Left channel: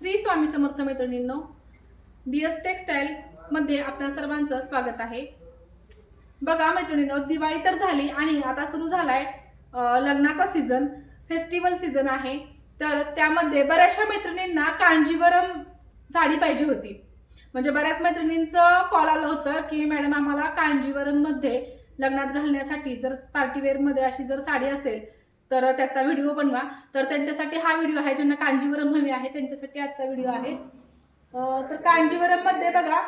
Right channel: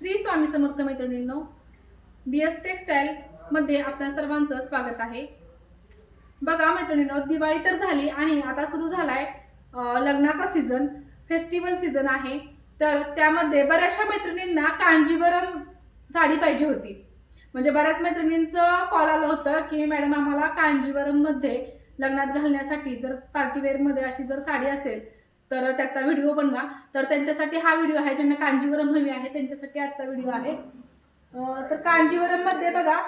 श्री स्वामी समर्थ मैत्रिणींनो, BS textile मध्ये आपल्या सर्वांचं स्वागत आहे। बघा मैत्रिणींनो, दिवाळी तर झाली आणि आता सुरू झालाय लग्नाचा सीझन, फेस्टिवल सीझन आहे। तर त्यामध्ये बऱ्याचशा मैत्रिणींना कांजीवरम साडी पाहिजे होती। म्हणजे बऱ्याच मैत्रिणींचं कॉल आलं होतं की मॅडम आम्हाला कांजीवरम मध्ये लग्नात घालण्यासाठी जर पार्टी वेअर मध्ये अशी जर साडी असेल तर त्याचा व्हिडिओ बनवा। तर त्यांच्यासाठी हा व्हिडिओ आहे, ज्यांना कांजीवरम हवी आहे त्यांच्यासाठी आजचा व्हिडिओ आहे। तर कांजीवरम मध्ये बघा,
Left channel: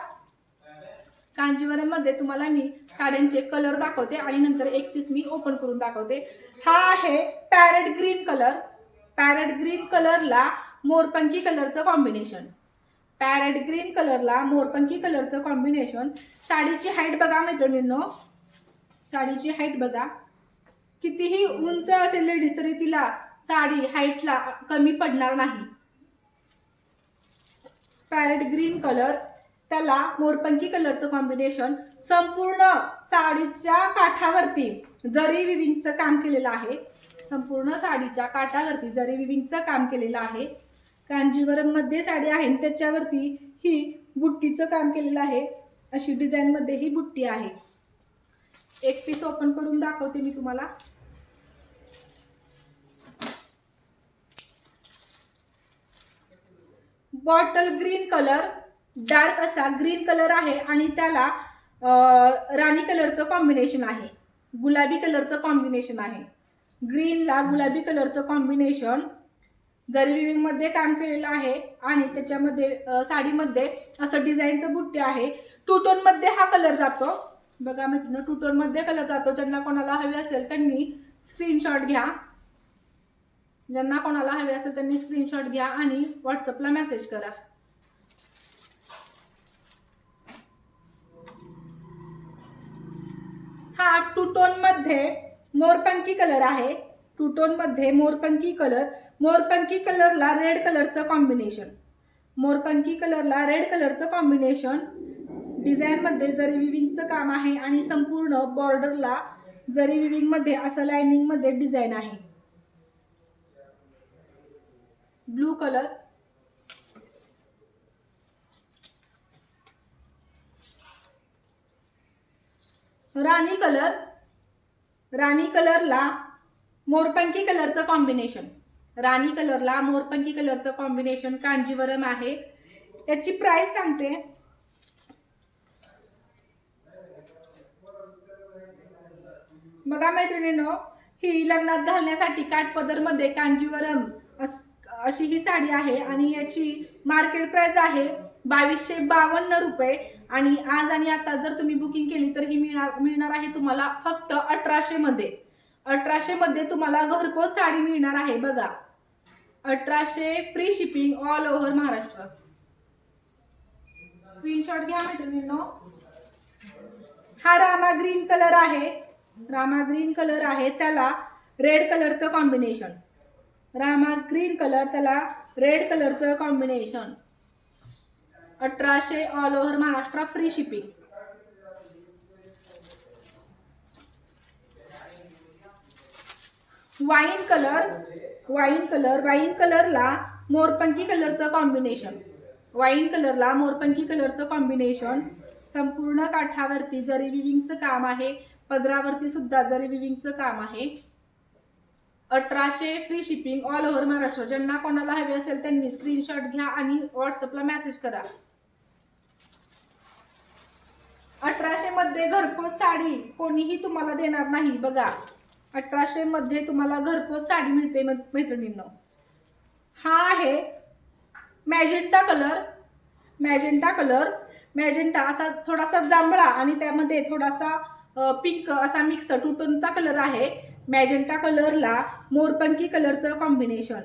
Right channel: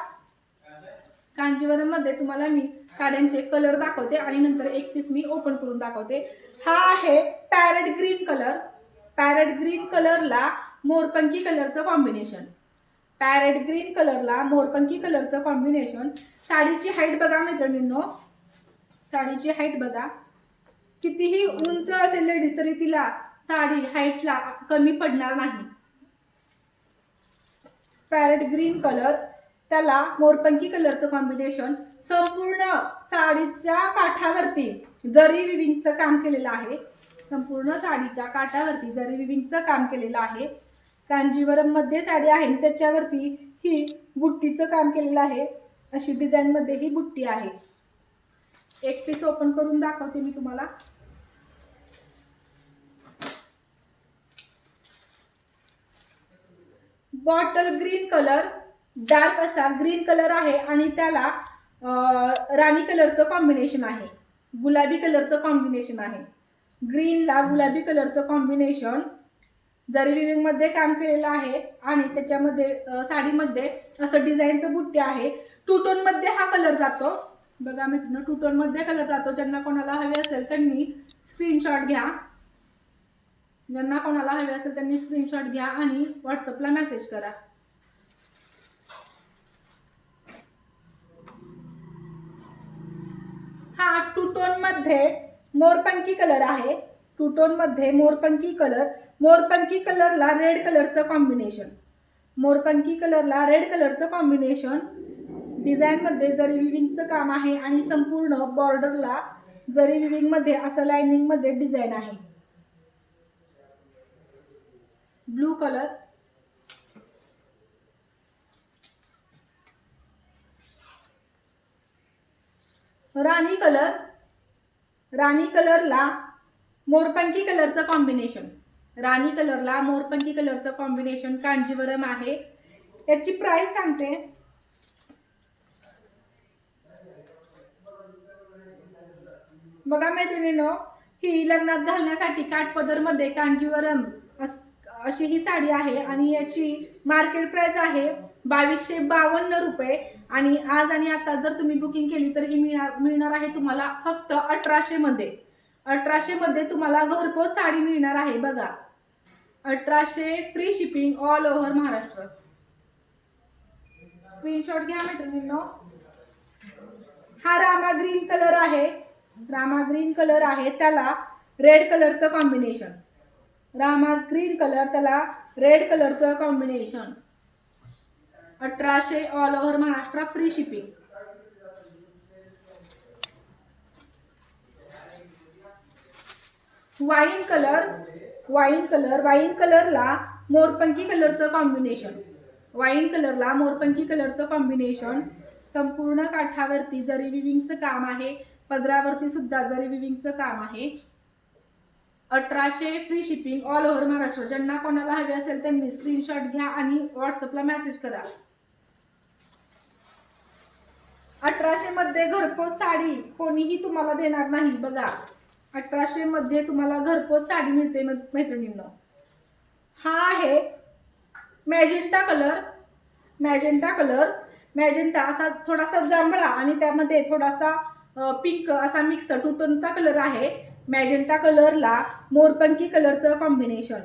कांजीवरम मध्ये तुम्हाला मी साड्यांचे कलर दाखवते आणि नंतर एक पीस मी ओपन करून दाखवते। हा आहे parrot green colour. Parrot green कलरला मोरपंखी कलरचं कॉम्बिनेशन, पॅरेट ग्रीन कलरला मोरपंखी कलरचं कॉम्बिनेशन। साडीची हाईट बघा मैत्रिणींनो, साडीची हाईट बघा, कितीही उंच असेल लेडीज तरी तिला साडी हाईटला कमी पडणार नाही। पॅरेट ग्रीन कलर, त्याला मोरपंखी कलरचं कॉम्बिनेशन। संपूर्ण साडीच्या काठावरती जरी विविंगचं काम केलेलं आहे, संपूर्ण साडीच्या काठावरती जरी विविंगचं काम केलेलं आहे। कांजीवरम मध्ये साडी आहे, त्याच्यावरती ही बुट्टीचं काम केलेलं आहे। अशी डिझाइन मध्ये ही बुट्टी आहे। एक पीस ओपन करून दाखवते मी तुम्हाला। बॉटल ग्रीन कलर, डार्क असा ग्रीन कलर आहे आणि त्याला राणी कलरचं कॉम्बिनेशन आहे, गुलाबी कलरचं कॉम्बिनेशन आहे। ग्रीनला गुलाबी कलरचं कॉम्बिनेशन जरी विविंग मध्ये काम केलेलं आहे आणि त्याच्यामध्ये साडीमध्ये असं डिझाईनचं बुट्टी आहे। टू टोन मध्ये हा कलर जातो बघा मित्रांनो, टू टोन मध्ये कलर जातो। ज्यांना कोणाला हवे असेल त्यांनी स्क्रीनशॉट घ्या, ज्यांना कोणाला हवे असेल त्यांनी स्क्रीनशॉट घ्या आणि व्हॉट्सअपला मेसेज करा। हा टू टोन मध्ये मोरपंखी कलर आहे। टू टोन मध्ये मोरपंखी कलर, मोरपंखी कलरला रेड कलरचं कॉम्बिनेशन, मोरपंखी कलरला रेड कलरचं कॉम्बिनेशन। डिझाइन मध्ये जरी विविंगचं काम आहे आणि संपूर्ण बॉर्डरला जरी विविंग मध्ये असं लाइनिंग मध्ये डिझाइन आहे। ब्लू कलर, राणी कलर, राणी कलरला मोरपंखी कलरचं कॉम्बिनेशन, राणी कलरला मोरपंखी कलरचं कॉम्बिनेशन कांजीवरम आहे। याची प्राइस सांगते, बघा मैत्रिणींनो, ही लग्नात घालण्यासाठी काठपदर मध्ये कांजीवरम अशी ही साडी आहे आणि याची मार्केट प्राइस आहे 2252 रुपये। आणि आज आणि आता जर तुम्ही बुकिंग केली तर ही मिळणार आहे तुम्हाला फक्त 1800 मध्ये। 1800 मध्ये तुम्हाला घरपोच साडी मिळणार आहे बघा, 1800, free shipping all over Maharashtra. Screenshot घ्या मैत्रिणींनो। हा रामा ग्रीन कलर आहे, रामा ग्रीन कलर आहे, त्याला रेड कलरचं कॉम्बिनेशन, रामा ग्रीन कलर त्याला रेड कलरचं combination. 1800 all over Maharashtra, free shipping. Wine colour, wine colour, wine कलरला मोरपंखी कलरचं कॉम्बिनेशन, वाईन कलरला मोरपंखी कलरचं कॉम्बिनेशन। संपूर्ण काठावरती जरी विविंगचं काम आहे, पदरावरती सुद्धा जरी विविंगचं काम आहे। 1800, free shipping all over Maharashtra. ज्यांना कोणाला हवे असेल त्यांनी स्क्रीनशॉट घ्या आणि व्हॉट्सअपला मेसेज करा। 1800 मध्ये घरपोच साडी कोणीही तुम्हाला देणार नाही बघा, 1800 मध्ये तुम्हाला घरपोच साडी मिळते मैत्रिणींनो। हा आहे magenta colour, magenta colour, magenta असा थोडासा जांभळा आणि त्यामध्ये थोडासा पिंक असा मिक्स टू टोनचा कलर आहे। मॅजेंटा कलरला मोरपंखी कलरचं कॉम्बिनेशन,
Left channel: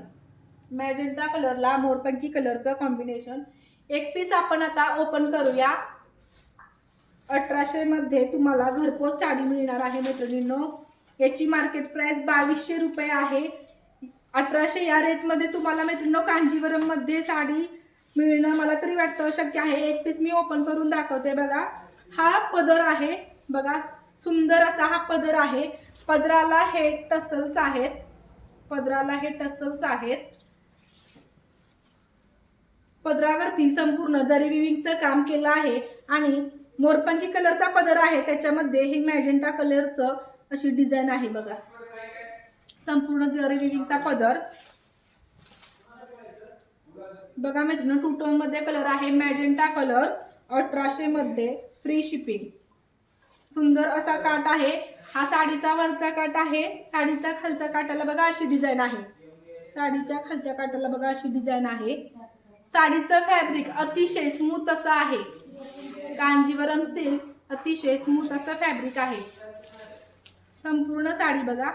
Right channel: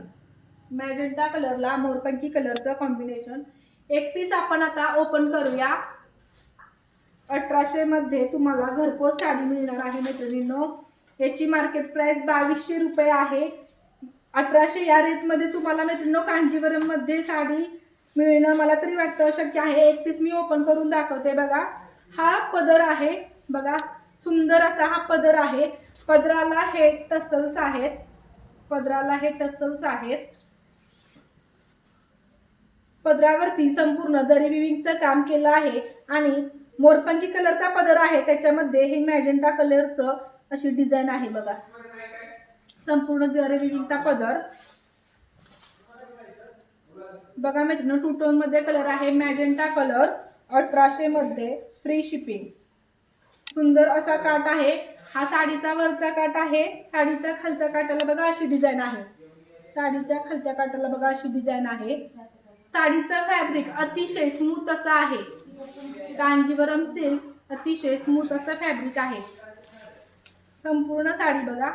मॅजेंटा कलरला मोरपंखी कलरचं कॉम्बिनेशन। एक पीस आपण आता ओपन करूया। 1800 मध्ये तुम्हाला घरपोच साडी मिळणार आहे मैत्रिणींनो। याची मार्केट प्राइस 2200 रुपये आहे। 1800 या रेट मध्ये तुम्हाला मैत्रिणींनो कांजीवरम मध्ये साडी मिळणं मला तरी वाटतं शक्य आहे। एक पीस मी ओपन करून दाखवते बघा। हा पदर आहे बघा, सुंदर असा हा पदर आहे। पदराला हे टसल्स आहेत, पदराला हे टसल्स आहेत। पदरावरती संपूर्ण जरी विविंगचं काम केलं आहे आणि मोरपंखी कलरचा पदर आहे, त्याच्यामध्ये हे मॅजेंटा कलरचं अशी डिझाईन आहे बघा. संपूर्ण जरी विविंगचा पदर बघा मित्रांनो, टू टोन मध्ये कलर आहे, मॅजेंटा कलर, 1800 मध्ये, फ्री शिपिंग. सुंदर असा काट आहे. हा साडीचा वरचा काट आहे. साडीचा खालच्या काटाला बघा अशी डिझाईन आहे. साडीच्या खालच्या काटाला बघा अशी डिझाईन आहे. साडीचं फॅब्रिक अतिशय स्मूथ असं आहे. कांजीवरम सिल्क अतिशय स्मूथ असं फॅब्रिक आहे. संपूर्ण साडी बघा.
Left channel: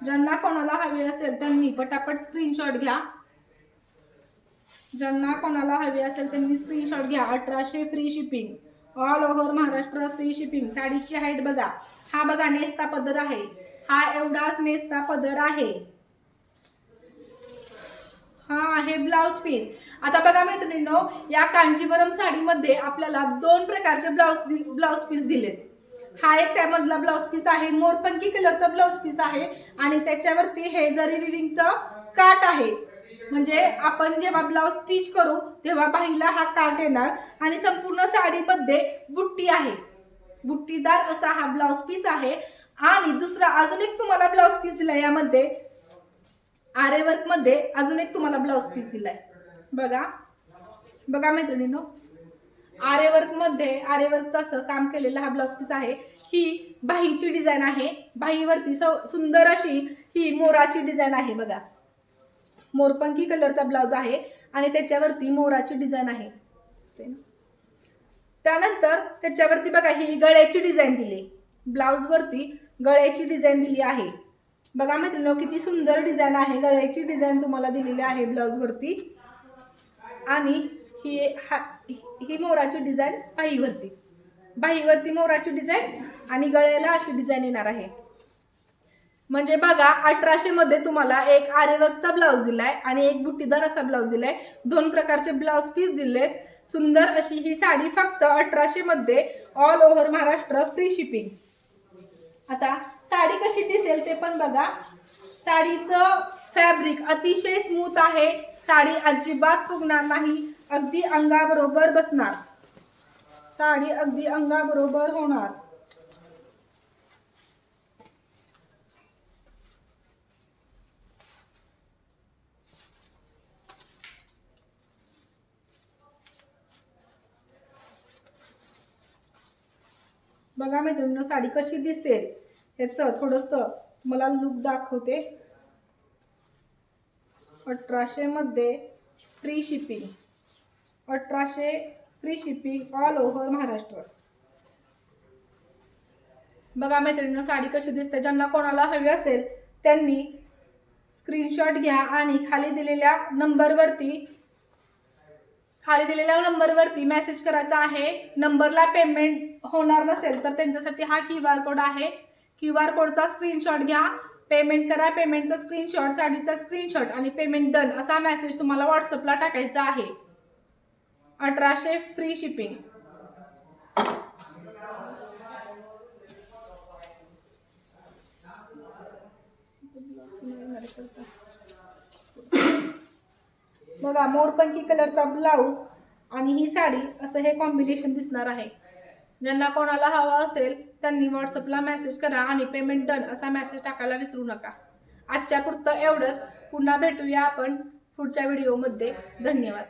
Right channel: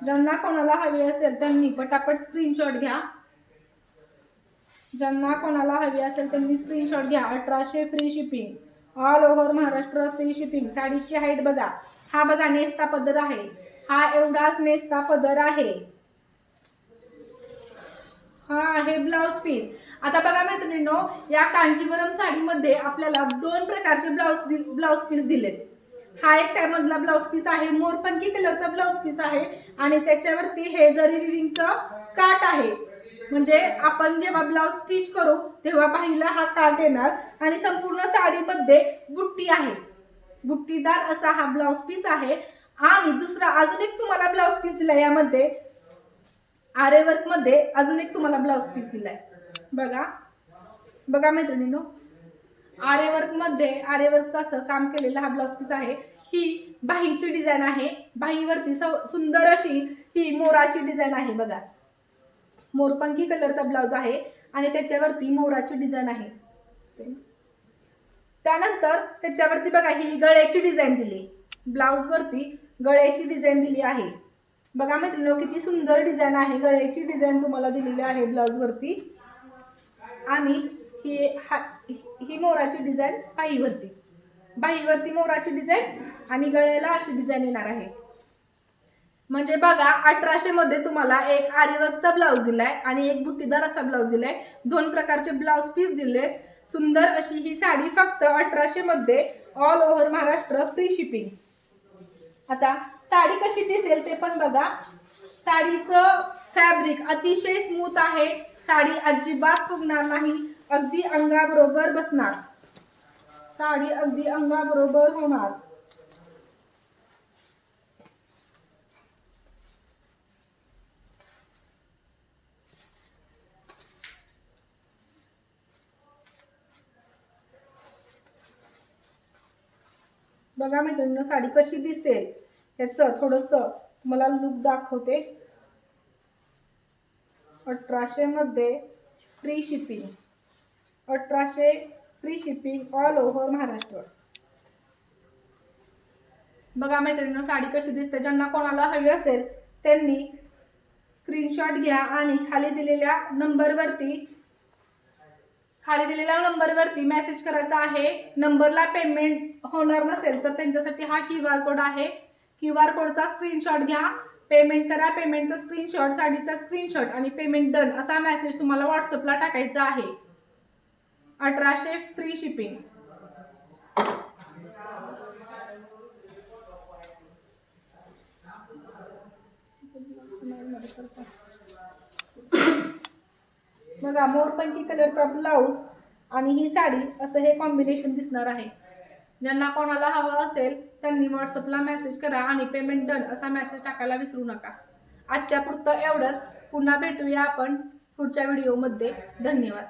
ज्यांना कोणाला हवी असेल त्यांनी पटापट स्क्रीनशॉट घ्या. ज्यांना कोणाला हवी असेल त्यांनी स्क्रीनशॉट घ्या. 1800 free shipping, all over Maharashtra free shipping. साडीची हाईट बघा. हा बघा नेस्ता पदर आहे. हा एवढाच नेस्ता पदर आहे. हा आहे ब्लाउज पीस. आता बघा मैत्रिणींनो, या कांजीवरम साडीमध्ये आपल्याला 2 प्रकारचे ब्लाउज पीस दिलेत. हा एक त्यामधला ब्लाउज पीस आहे, मोरपंखी कलरचा ब्लाउज पीस आहे आणि त्याच्यावरती हे जरी विविंगचा काट आहे. म्हणजे आपण जेव्हा ब्लाउज स्टिच करू तेव्हा बाहीला हा काट येणार आणि संपूर्ण साडीमध्ये बुट्टी आहे. बुट्टीदार असा हा ब्लाउज पीस आहे. आणि दुसरा अजून एक तुम्हाला ब्लाउज पीस दिलाय, यामध्ये आरे वर्क मध्ये अजून एक तुम्हाला ब्लाउज पीस दिलाय बघा. बघा मैत्रिणींनो, आरे वर्क मध्ये आरे वर्कचं असं काम केलेला हा ब्लाउज पीस आहे. ही बाहीची डिझाईन आहे. बाहीवरती सुंदर अशी ही मोराची डिझाईन आहे बघा. मोरपंखी कलरचा ब्लाउज आहे आणि त्याच्यावरती मोराची डिझाईन आहे. त्यानंतर त्याच्यावरती बघा ही गळ्याची डिझाईन दिली. ब्लाउज वरती गळ्याची डिझाईन दिली आहे बघा मित्रांनो. किती सुंदर डिझाईन आहे. गळ्याची डिझाईन तुम्हाला दिलेली आहे ब्लाउज वरती आणि ही मोराची डिझाईन बाहीवरती मोराची डिझाईन आणि गळ्याला अशी डिझाईन येणार आहे. म्हणजे बघा 1800 मध्ये तुम्हाला एक आरीवर्कचा ब्लाउज दिलाय आणि एक बुट्टीदार असा ब्लाउज दिलाय. 2 प्रकारचे ब्लाउज पीस दिलेत. सुंदर अशी ही साडी फक्त 1800 मध्ये, all over Maharashtra free shipping. आता साडी कशी दिसेल ते पण बघा. साडीचं फॅब्रिक अतिशय स्मूथ आहे. साडी अजिबात फुगणार नाही. अगदी अंगाबरोबर बसणार. साडी अगदी अंगाबरोबर होणार. बघा मैत्रिणींनो, साडी कशी दिसेल याचं थोडंसं मला लुक दाखवते. 1800 मध्ये free shipping, 1800 free shipping, all over Maharashtra. बघा मैत्रिणींनो, साडी कशी दिसते. ज्यांना कोणाला हवी असेल त्यांनी स्क्रीनशॉट घ्या आणि खाली दिलेल्या नंबरवरती मेसेज करायचा आहे. नंबरला पेमेंट होणार नसेल तर त्यांच्यासाठी हा QR कोड आहे. QR कोडचा स्क्रीनशॉट घ्या, पेमेंट करा. पेमेंटचा स्क्रीनशॉट, साडीचा स्क्रीनशॉट आणि पेमेंट डन असा मेसेज तुम्हाला व्हॉट्सअपला टाकायचा आहे. 1800 फ्री शिपिंग. बघा मोरपंखी कलरचा ब्लाउज आणि ही साडी असं हे कॉम्बिनेशन दिसणार आहे. ज्यांना कोणाला हवं असेल त्यांनी व्हॉट्सअपला मेसेज करा आणि पेमेंट डन असा मेसेज टाकायला विसरू नका. आजच्या पुरतं एवढंच. पुन्हा भेटूया आपण पुढच्या व्हिडिओमध्ये. धन्यवाद.